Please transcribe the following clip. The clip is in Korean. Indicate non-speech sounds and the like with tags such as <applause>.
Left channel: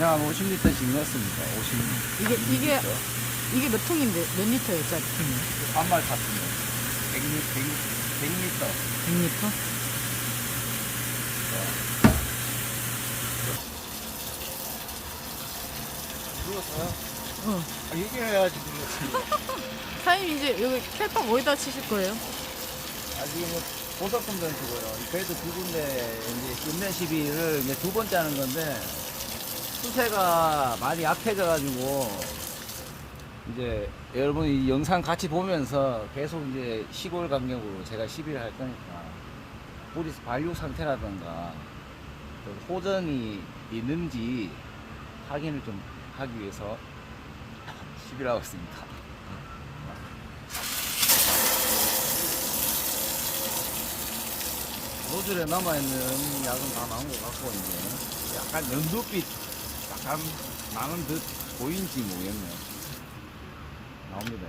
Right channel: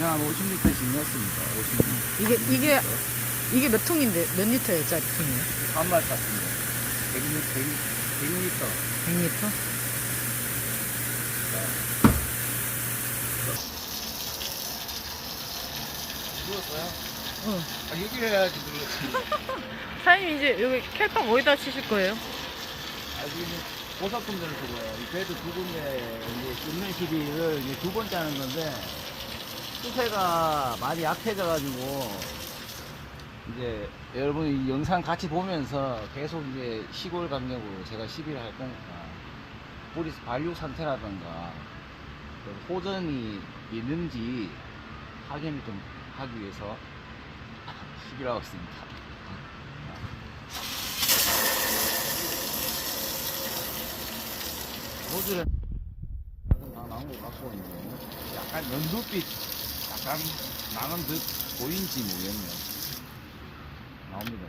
그냥 한 50리터씩 냈습니다. 50리터. 이게, 이게, 이게 몇 통인데, 몇 리터예요, 짜리 통이요? 3말 탔습니다. 100리터, 100리터. 100리터? 누웠어요? 어. 아, 얘기해야지 누웠지. <laughs> 사장님 이제 여기 캘빵 어디다 치실 거예요? 아, 지금 전투고요. 이 배도 두 군데, 이제 끝내 시비를 이제 두 번째 하는 건데, 수세가 많이 약해져가지고, 이제 여러분이 이 영상 같이 보면서 계속 이제 시골 강력으로 제가 시비를 할 거니까, 보리스 반류 상태라든가, 그 호전이 있는지 확인을 좀 하기 위해서 <laughs> 시비를 하고 있습니다. 노즐에 남아있는 약은 다것 같고, 이제 약간 연두빛, 약간 나는 듯 보이는지 모르겠네요. 나옵니다.